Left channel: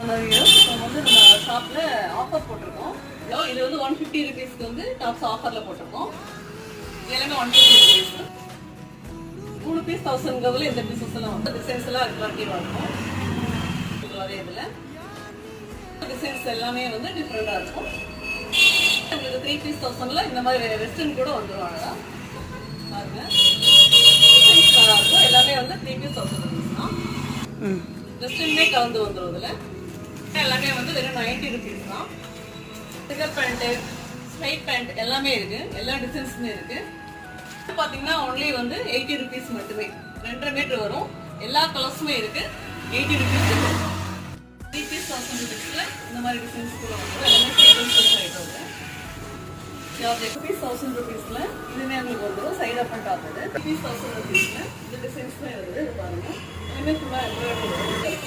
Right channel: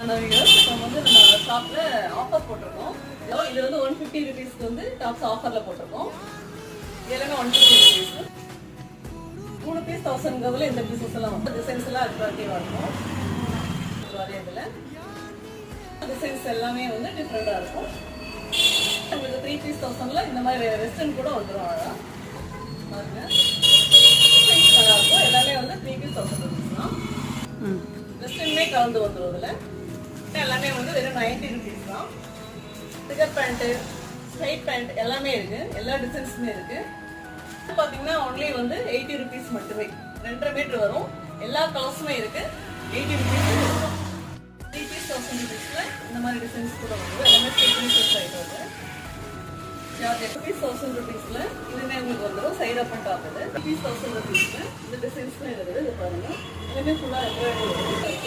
வந்து நம்ம ஷாப்ல ஆஃபர் போட்டிருக்கோம். இது வந்து 150 rupeesக்கு வந்து டாப்ஸ் ஆஃபர்ல போட்டிருக்கோம். இதெல்லாம் 150 rupeesக்கு 3 பீஸ் 1000 இந்த பீசஸ் எல்லாம் வந்து டிசைன்ஸ் எல்லாம் அட்ராக்டிவா இருக்கும். இதுல டிசைன்ஸ் எல்லாமே வந்து டிஃபரெண்டா இருக்கும். இது 3 பீஸ் 1000ல இந்த மாதிரி வெஸ்டர்ன் கூட வந்துருவாங்க. பாருங்க டிசைன்ஸ் நல்லா இருக்கும். எல்லாமே வந்து 3 பீஸ் 1000 rupees தான். வெஸ்டர்னே கலந்து வந்துரும். இதுல எல்லாமே வந்து வெறும் 90 rupees தான். ஃபிகர் பேண்ட், ஸ்ட்ரைட் பேண்ட் எல்லாமே இருக்கு. எல்லா டிசைன்ஸுமே இருக்கு. பாத்தீங்கன்னா ஒன்லி வந்து 80 rupees மட்டுமே. 2.5 மீட்டர் வரும். எல்லா கலர்ஸுமே இருக்கு. 80 rupees. 3 பீஸ் 1000 rupeesல இந்த மாதிரி டிசைன்ஸ் கூட வரும். எல்லாமே டிசைன்ஸ் ஆயிட்டு வருது. யார் 8 பீஸ் 1000 rupeesல இதுமே உங்களுக்கு வந்துடும். சைட் அப் அண்ட் டாப் இது 3 பீஸ் 1000 rupeesல இந்த டிசைன்ஸ்மே வருது. இது பாருங்க. இதுமே ஃபுல்லா எம்ப்ராய்டரி